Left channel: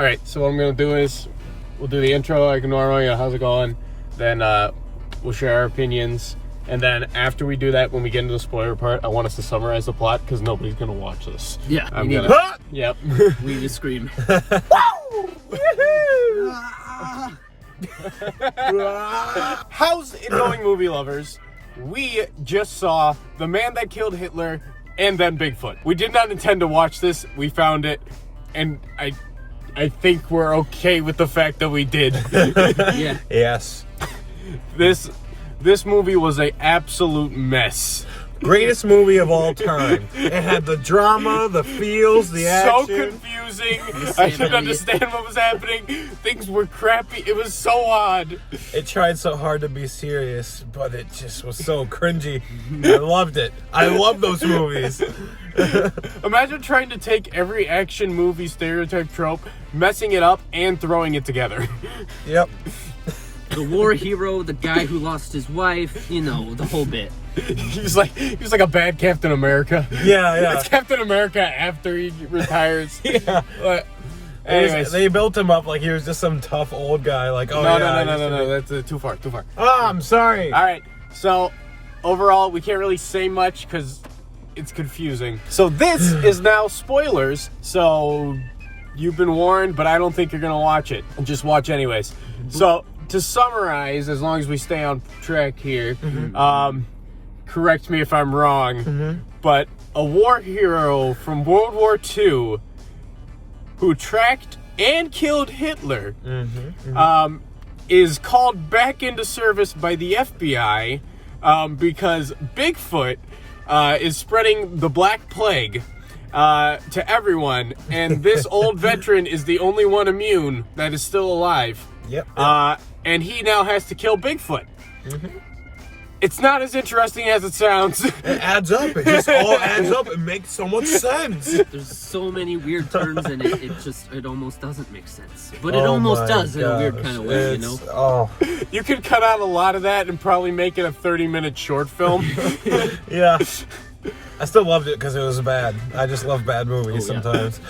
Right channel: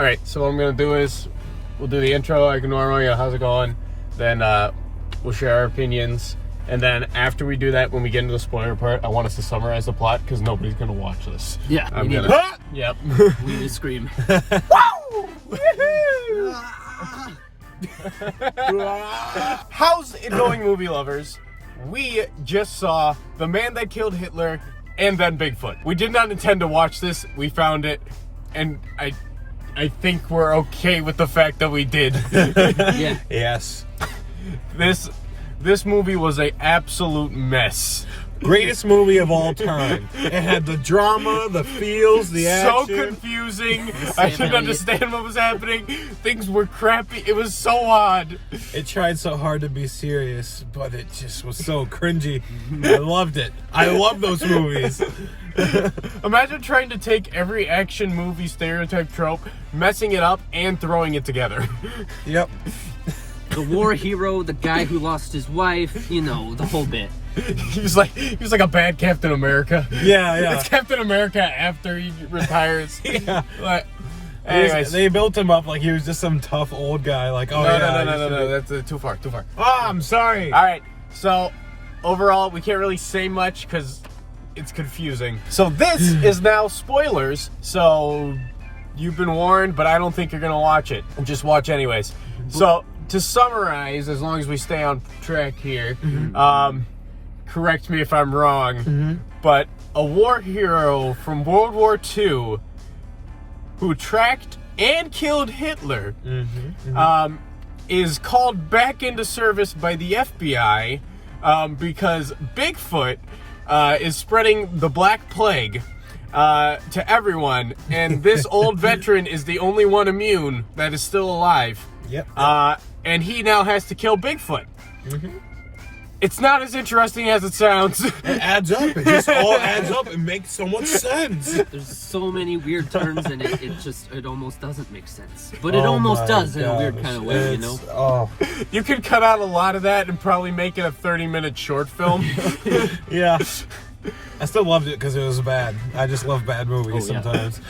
All right, so what I'm going to do is we'll do the intro like normally. How's it going? Then we'll share our opinions. And then after we do that, when we get into the spoiler part, I want us to summarize the plot because nobody's going to watch this. Yeah, we need to. Yep. We need to scream. How's it going, movie lovers? We just saw The Man That Killed Hitler and then Bigfoot. We did not intend to watch this. We found it, and I think we're okay with the fact that we did. Yeah. Yes. This movie was an absolute mess. Greatest movie of all time. It had the drama, the feels, the action. So confusing. I couldn't understand what was happening. Things were crappy. It was so odd. It tried so hard to be serious, but it just was so cringy. I loved it. I love those movies. Imagine trying to take every action movie stereotype trope, messing it up, and throwing it together. Yep. The war hero, the guy who lost his wife, you know, the whole bit. He was like a bad Captain America. Yeah. It's Captain America after he retires. Yeah. But anyways, they built him up like he was just some tough old guy. Like, oh no, that's too far. Oh, I'm sorry. All right, so overall, we can't really say much because it's confusing. So this is now spoilers. So you've been warned, but I don't think you're gonna watch it. Just watch anyways. So to summarize, as long as we stay on track here, correct me if I'm wrong, but a war hero from World War II who tracked and killed Hitler is called back into service by the FBI because Bigfoot is spreading the Black Plague to everyone, and this old veteran is the only one immune that is still alive. Yep. And he now has to kill Bigfoot. It's not as interesting as it sounds. It adds up. It just all adds up. It makes so much sense. There's so many weird terms in it. It almost doesn't make sense, but it almost does in a weird kind of way, you know. Oh. You could cut out a lot of that and probably make it a 30-minute short film. Yeah. I still loved it because it was bad. I just love bad movies sometimes.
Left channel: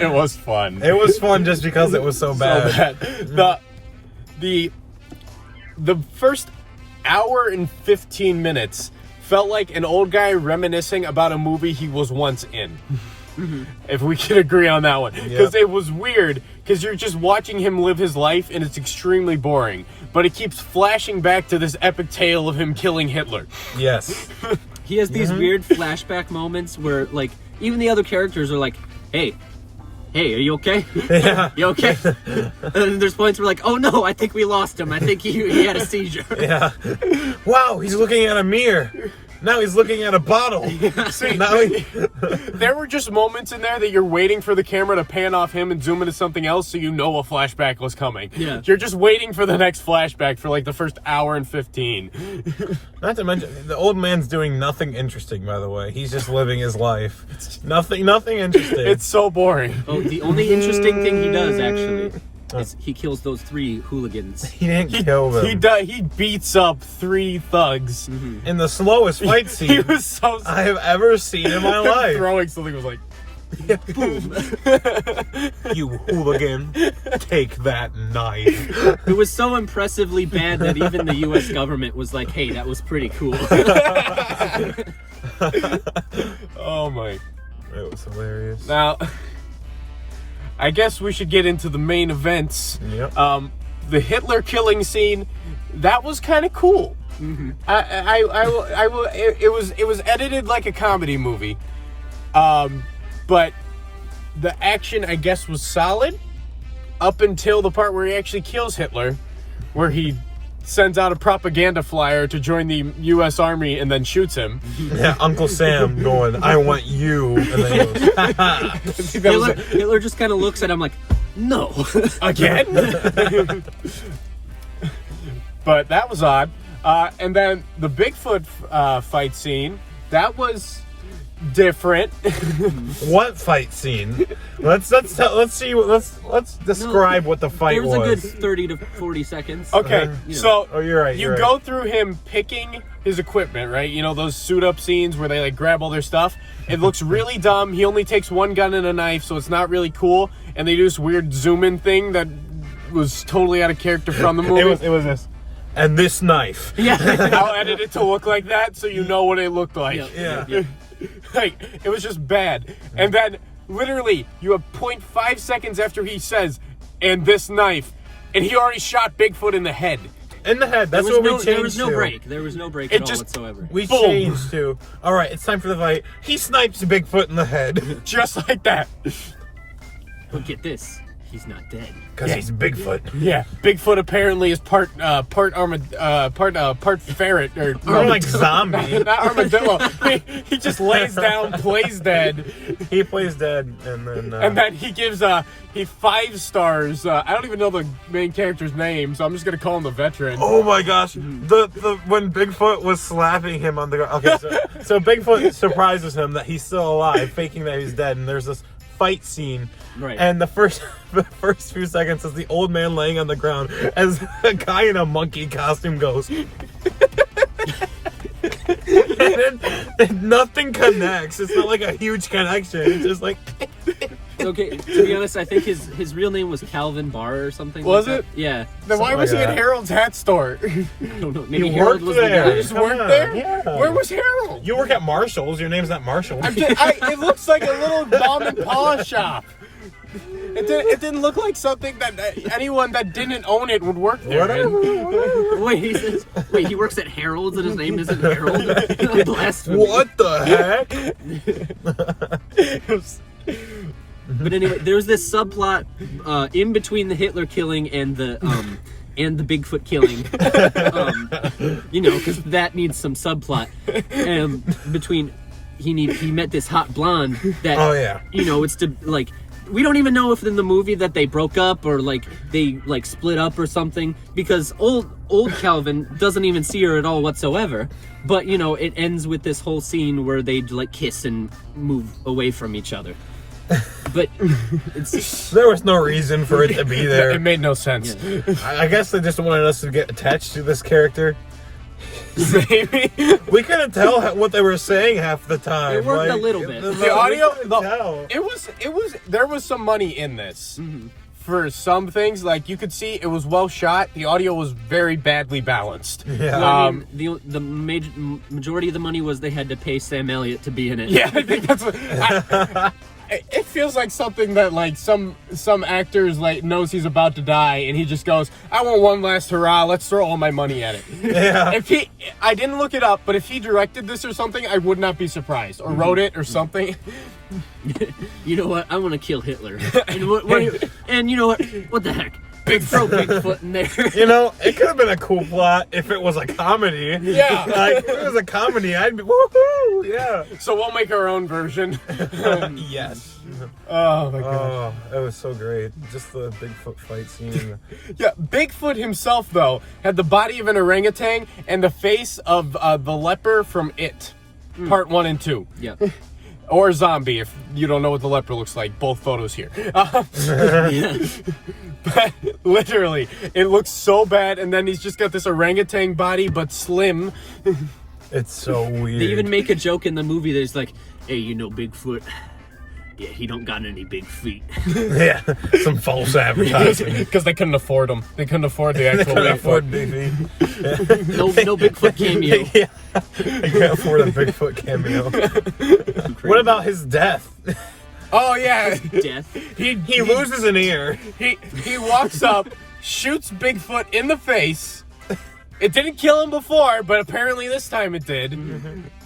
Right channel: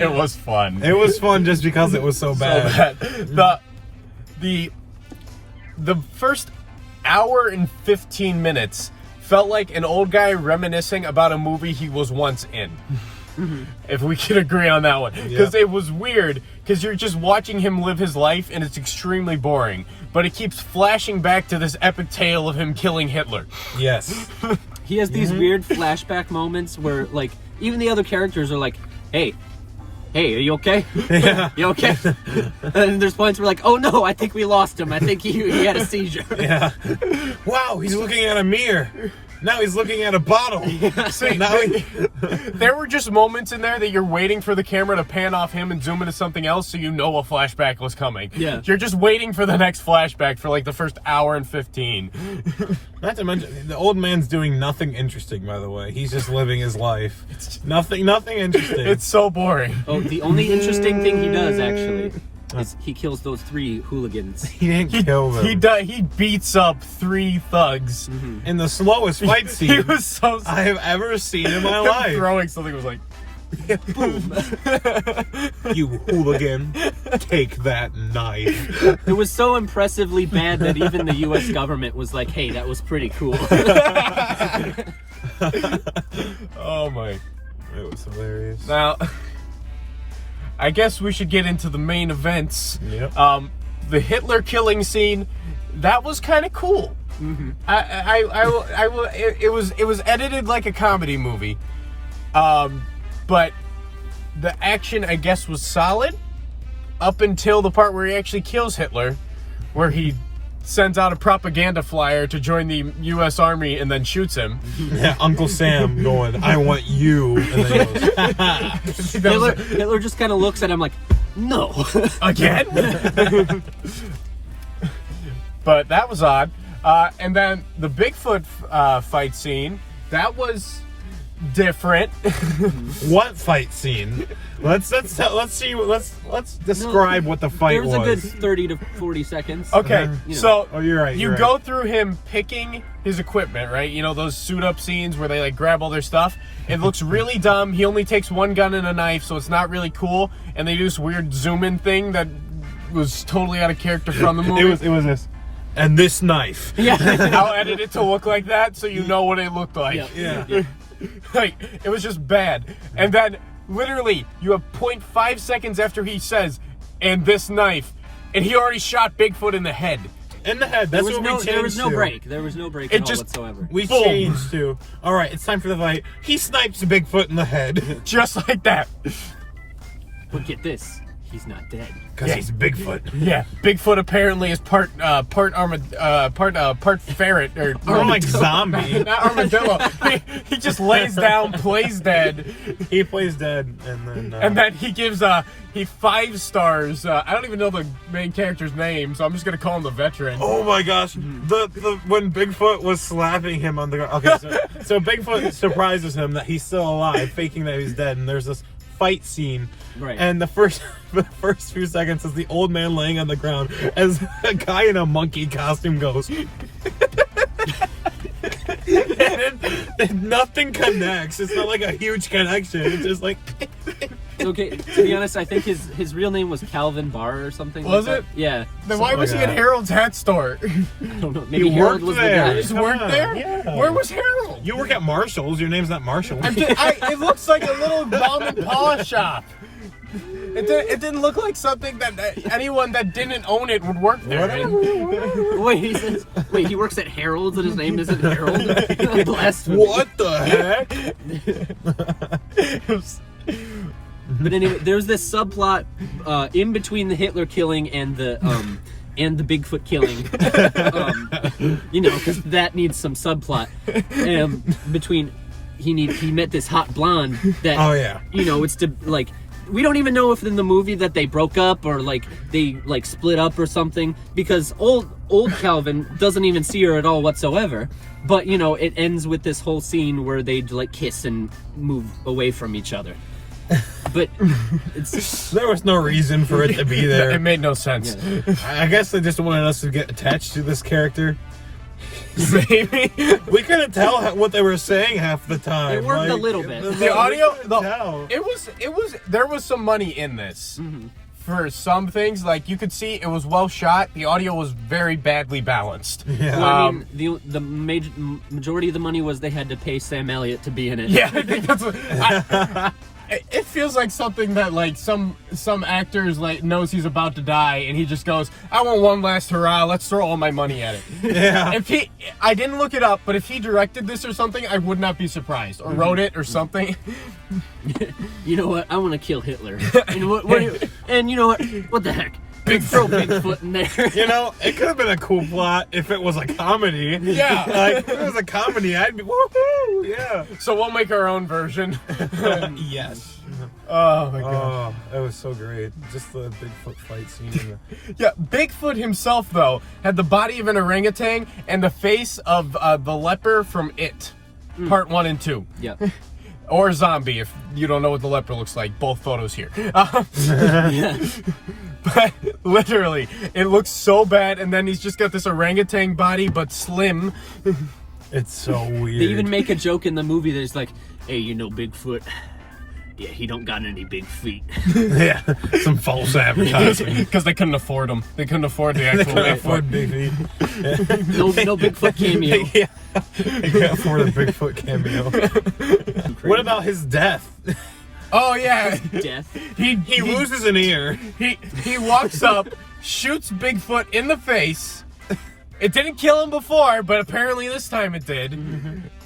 It was fun. It was fun just because it was so bad. The first hour and 15 minutes felt like an old guy reminiscing about a movie he was once in. If we can agree on that one. Because it was weird, because you're just watching him live his life and it's extremely boring. But it keeps flashing back to this epic tale of him killing Hitler. Yes. He has these weird flashback moments where, like, even the other characters are like, hey, are you okay? Yeah. You okay? And there's points where like, oh no, I think we lost him. I think he had a seizure. Yeah. Wow, he's looking at a mirror. Now he's looking at a bottle. There were just moments in there that you're waiting for the camera to pan off him and zoom into something else so you know a flashback was coming. Yeah. You're just waiting for the next flashback for like the first hour and 15. Not to mention, the old man's doing nothing interesting, by the way. He's just living his life. Nothing interesting. It's so boring. Oh, the only interesting thing he does, actually, is he kills those 3 hooligans. He didn't kill them. He beats up 3 thugs. In the slowest fight scene He was so I have ever seen in my life. Throwing something was like, Boom. You hooligan, take that knife. It was so impressively bad that even the U.S. government was like, hey, that was pretty cool. oh my. That was hilarious. Now, I guess we should get into the main events. Yep. The Hitler killing scene, that was kind of cool. It was edited like a comedy movie, but the action, I guess, was solid up until the part where he actually kills Hitler, where he sends out a propaganda flyer to join the U.S. Army and then shoots him. Yeah, Uncle Sam going, I want you. And then he goes, Hitler just kind of looks at him like, no. Again? But that was odd. And then the Bigfoot fight scene, that was different. What fight scene? Let's describe what the fight There was. was a good 30 to 40 seconds. Okay, You know. so Oh, you're right. you go through him picking his equipment, right? You know, those suit up scenes where they like grab all their stuff. It looks really dumb. He only takes one gun and a knife, so it's not really cool. And they do this weird zoom in thing that was totally out of character from the movie. It was this. And this knife. Yeah. I'll edit it to look like that so you know what it looked like. Yeah. Like, it was just bad. And then, literally, you have 0.5 seconds after he says, and this knife, and he already shot Bigfoot in the head. In the head. There That's was what we no, changed there was no to. break. There was no break It at all just- whatsoever. We Boom. changed to, all right, it's time for the fight. He snipes Bigfoot in the head. Just like that. But get this, he's not dead. Because he's Bigfoot. Yeah. Bigfoot apparently is part ferret, or Or like zombie. not armadillo. He just lays down, plays dead, He plays dead, and then he gives he 5 stars. I don't even know the main character's name, so I'm just gonna call him the veteran. oh my gosh, the when Bigfoot was slapping him on the ground. Okay, so Bigfoot surprises him that he's still alive, faking that he's dead, and there's this fight scene. Right. And the first few seconds is the old man laying on the ground as a guy in a monkey costume goes. And then nothing connects. It's not like a huge connection. It's just like Okay, to be honest, I think his real name was Calvin Barr or something. Was like it? That. Yeah. Then why something was like he that. at Harold's hat store? I don't know. Maybe He Harold worked was the there. guy. He just worked there? Yeah. Where was Harold? You work at Marshall's. Your name's not Marshall. It looks like a little mom and pa shop. It didn't look like something that anyone that didn't own it would work there. Wait, he works at Harold's and his name isn't Harold? Blasphemy. What the heck? But anyway, there's this subplot in between the Hitler killing and the Bigfoot killing, you know, because that needs some subplot. Between he met this hot blonde that, Oh, yeah. you know, it's to like. We don't even know if in the movie that they broke up or like they like split up or something, because old Calvin doesn't even see her at all whatsoever. But you know, it ends with this whole scene where they like kiss and move away from each other. But it's There was no reason for it to be there. It made no sense. yeah. I guess they just wanted us to get attached to this character. Maybe. We couldn't tell what they were saying half the time. It worked a little bit. The audio, we couldn't tell. it was there was some money in this. For some things, like you could see it was well shot. The audio was very badly balanced. Yeah. Well, I mean, the majority of the money was they had to pay Sam Elliott to be in it. Yeah, I think that's what, it feels like something that like some actors like knows he's about to die and he just goes, I want one last hurrah, let's throw all my money at it. Yeah. I didn't look it up, but if he directed this or something, I would not be surprised. Or wrote it or something. You know what? I want to kill Hitler. And you know what? What the heck? Throw Bigfoot in there. You know, it could have been a cool plot if it was a comedy. Yeah. Like, if it was a comedy, I'd be, woohoo! Yeah. So we'll make our own version. Yes. Oh my god. Oh, it was so great. Just the Bigfoot fight scene. Yeah, Bigfoot himself, though, had the body of an orangutan and the face of the leper from It, Part 1 and 2. Yeah. Or zombie, if you don't know what the leper looks like. Both photos here. Yeah. But literally, it looks so bad, and then he's just got this orangutan body, but slim. It's so weird. They even make a joke in the movie that's like, hey, you know Bigfoot? Yeah, he don't got any big feet. Yeah, some false advertising. Because they couldn't afford them. They couldn't afford the They actual couldn't Bigfoot. afford Bigfoot. No Bigfoot cameo. Yeah, they can't afford a Bigfoot cameo. What about his death? Oh, yeah. Death. He Loses an ear. He walks up, shoots Bigfoot in the face. It didn't kill him before, but apparently this time it did.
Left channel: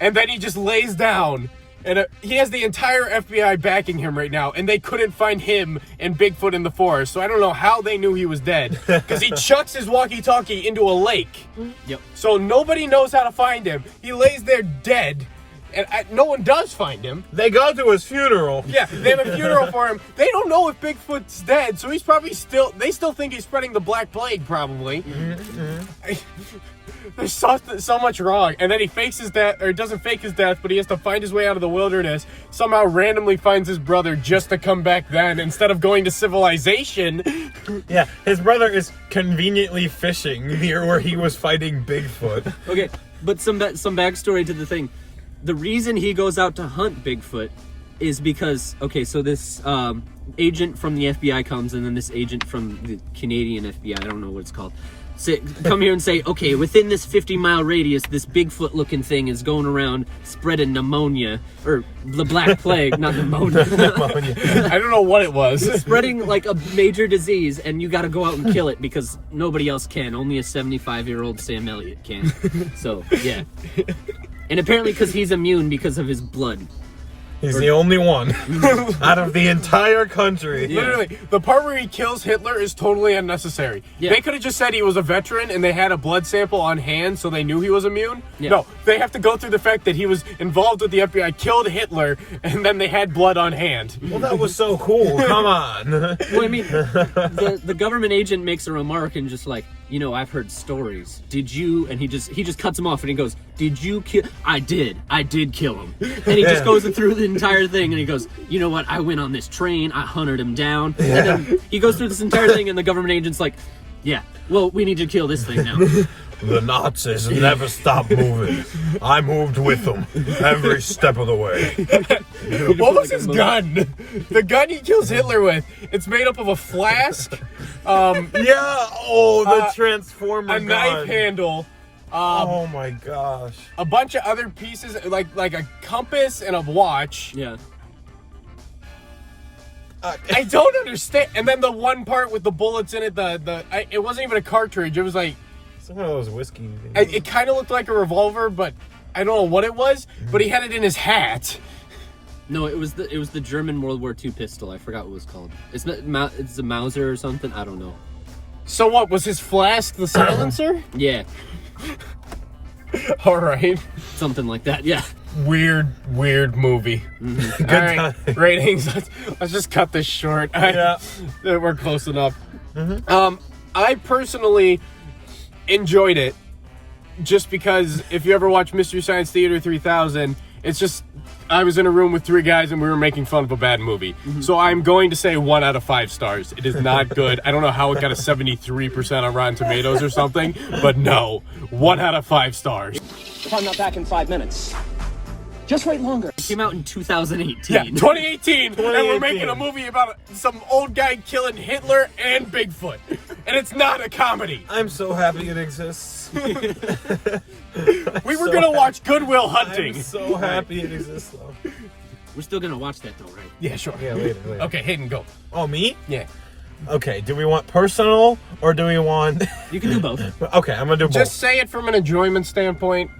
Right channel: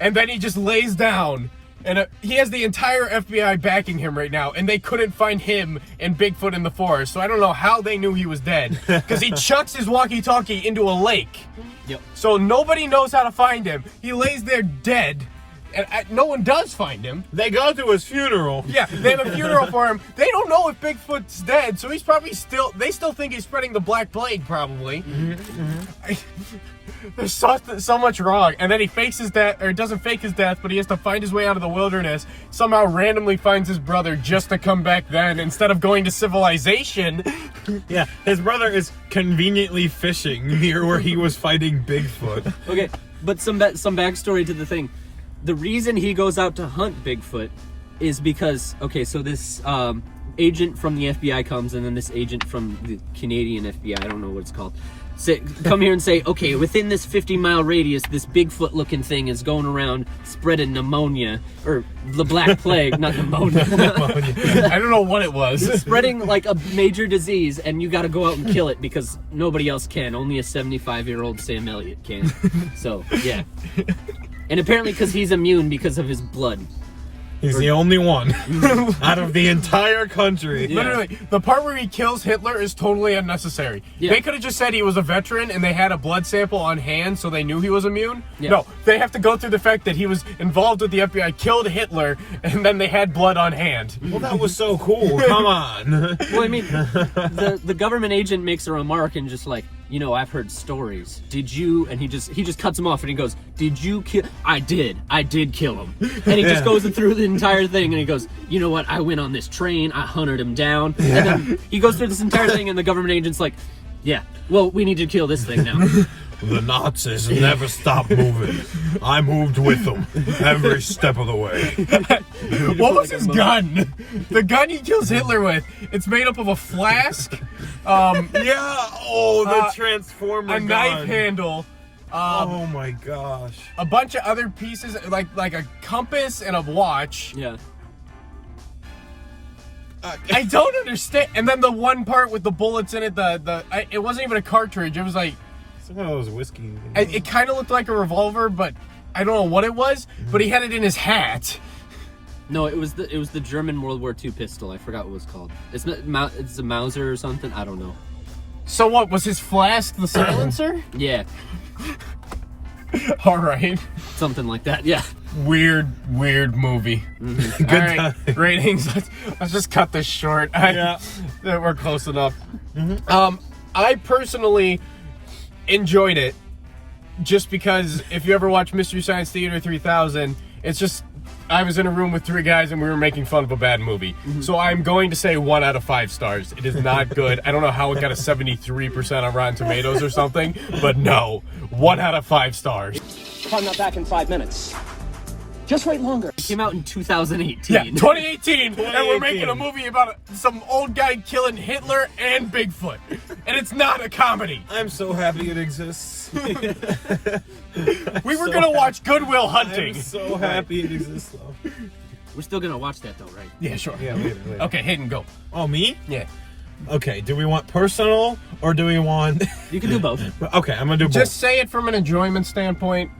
And then he just lays down. And he has the entire FBI backing him right now, and they couldn't find him and Bigfoot in the forest. So I don't know how they knew he was dead. Because he chucks his walkie-talkie into a lake. Yep. So nobody knows how to find him. He lays there dead. and no one does find him. They go to his funeral. Yeah, they have a funeral for him. They don't know if Bigfoot's dead, so he's probably they still think he's spreading the Black Plague, probably. There's so much wrong. And then he fakes his death, or doesn't fake his death, but he has to find his way out of the wilderness. Somehow randomly finds his brother just to come back then, instead of going to civilization. Yeah, his brother is conveniently fishing near where he was fighting Bigfoot. Okay, but some backstory to the thing. The reason he goes out to hunt Bigfoot is because, okay, so this agent from the FBI comes, and then this agent from the Canadian FBI, I don't know what it's called, come here and say, okay, within this 50-mile radius, this Bigfoot-looking thing is going around spreading pneumonia, or the Black Plague, not pneumonia. I don't know what it was. It's spreading like a major disease, and you got to go out and kill it because nobody else can. Only a 75-year-old Sam Elliott can. So, yeah. And apparently because he's immune because of his blood. He's the only one out of the entire country. Yeah. Literally, the part where he kills Hitler is totally unnecessary. Yeah. They could have just said he was a veteran and they had a blood sample on hand so they knew he was immune. Yeah. No, they have to go through the fact that he was involved with the FBI, killed Hitler, and then they had blood on hand. Well, that was so cool. Come on. Well, I mean, the government agent makes a remark and just like, you know, I've heard stories. Did you? And he just cuts him off and he goes, did you kill? I did kill him. And he just goes through the entire thing and he goes, you know what? I went on this train. I hunted him down. Yeah. And then he goes through this entire thing and the government agent's like, yeah, well, we need to kill this thing now. The Nazis never stopped moving. I moved with them every step of the way. What was his gun? The gun he kills Hitler with. It's made up of a flask. The transformer a gun. knife handle. Oh my gosh. A bunch of other pieces, like a compass and a watch. Yeah. I don't understand. And then the one part with the bullets in it, it wasn't even a cartridge. It was like, Some of those whiskey. it kind of looked like a revolver, but I don't know what it was. But he had it in his hat. No, it was the German World War II pistol. I forgot what it was called. It's a Mauser or something. I don't know. So what was his flask? The silencer? Yeah, All right. something like that. Yeah. Weird movie. Mm-hmm. All right, ratings. Let's just cut this short. Yeah. We're close enough. I personally enjoyed it, just because if you ever watch Mystery Science Theater 3000, it's just I was in a room with three guys and we were making fun of a bad movie. So I'm going to say 1 out of 5 stars. It is not good. I don't know how it got a 73% on Rotten Tomatoes or something, but no, 1 out of 5 stars. If I'm not back in 5 minutes, just wait longer. It came out in 2018. Yeah, 2018, and we're making a movie about some old guy killing Hitler and Bigfoot, and it's not a comedy. I'm so happy it exists. We were gonna watch Goodwill Hunting. I'm so happy it exists, though. We're still gonna watch that though, right? Yeah, sure. Yeah, later. Okay, Hayden, go. Oh, me? Yeah. Okay, do we want personal or do we want... You can do both. Okay, I'm gonna do both. Just say it from an enjoyment standpoint.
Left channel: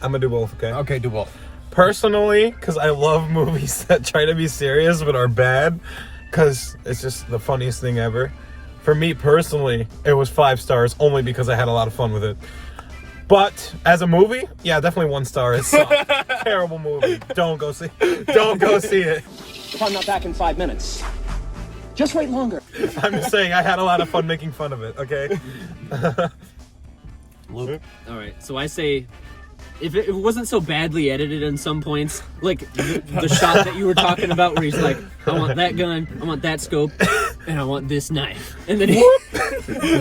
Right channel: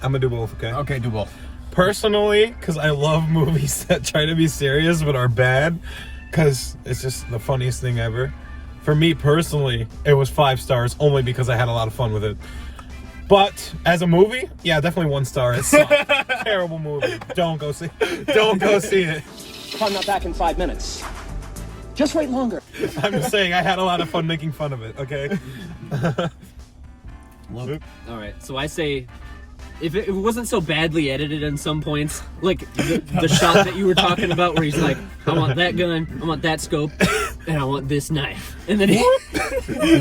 I'm gonna do both, okay? Okay, do both. Personally, because I love movies that try to be serious but are bad, because it's just the funniest thing ever. For me personally, it was 5 stars only because I had a lot of fun with it. But as a movie, yeah, definitely 1 star. It's a terrible movie. Don't go see it. Don't go see it. If I'm not back in 5 minutes, just wait longer. I'm just saying I had a lot of fun making fun of it, okay? All right, so I say, if it wasn't so badly edited in some points, like the shot that you were talking about where he's like, I want that gun, I want that scope, and I want this knife. And then he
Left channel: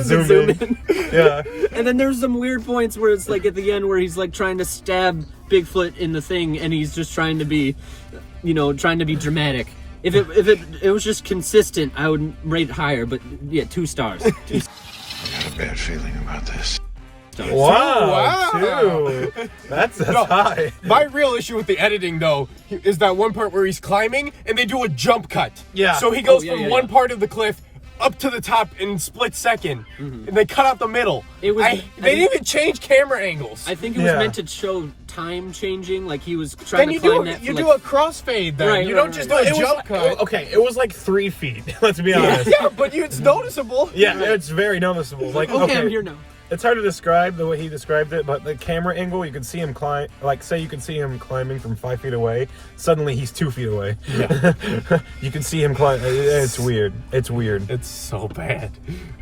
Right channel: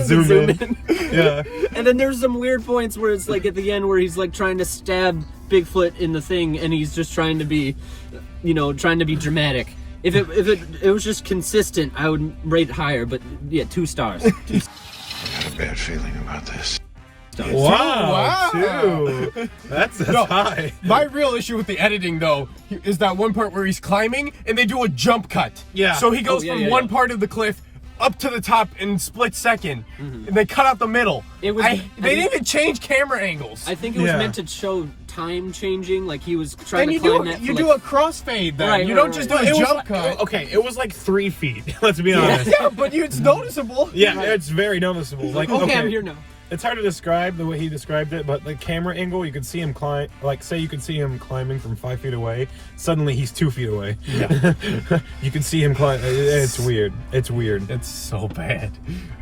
zoom in. Yeah. And then there's some weird points where it's like at the end where he's like trying to stab Bigfoot in the thing and he's just trying to be, trying to be dramatic. If it was just consistent, I would rate it higher, but yeah, 2 stars. I got a bad feeling about this. Wow, 2. That's high. My real issue with the editing, though, is that one part where he's climbing and they do a jump cut. Yeah. So he goes yeah, from yeah, one yeah. part of the cliff up to the top in split second, and they cut out the middle. It was- they didn't even change camera angles. I think it was Yeah. meant to show time changing, like he was trying Then to you climb do that. you for do like, a crossfade then. Right, you right, don't just right. do a It was jump cut. okay, it was like 3 feet. Let's be honest. Yeah, but it's noticeable. Yeah, it's very noticeable. Like, okay, I'm here now. It's hard to describe the way he described it, but the camera angle, you can see him climb. Like, say you can see him climbing from 5 feet away. Suddenly, he's 2 feet away. Yeah. You can see him climb. It's weird. It's weird. It's so bad.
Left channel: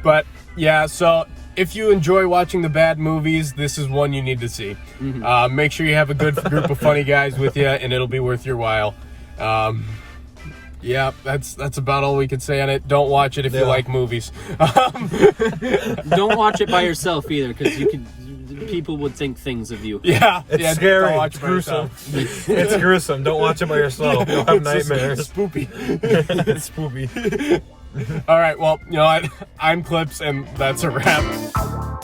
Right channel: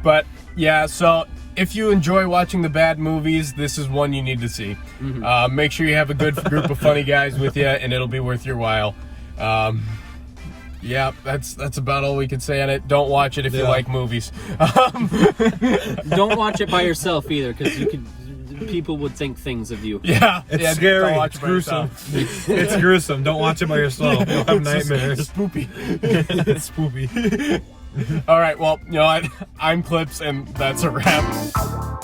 But yeah, so if you enjoy watching the bad movies, this is one you need to see. Make sure you have a good group of funny guys with you, and it'll be worth your while. Yeah, that's about all we can say on it. Don't watch it if you like movies. Don't watch it by yourself either, because people would think things of you. Yeah, It's scary. Don't watch It's it by gruesome. yourself. It's gruesome. Don't watch it by yourself. You'll have nightmares. It's spoopy. It's spoopy. All right, well, you know what? I'm Clips, and that's a wrap.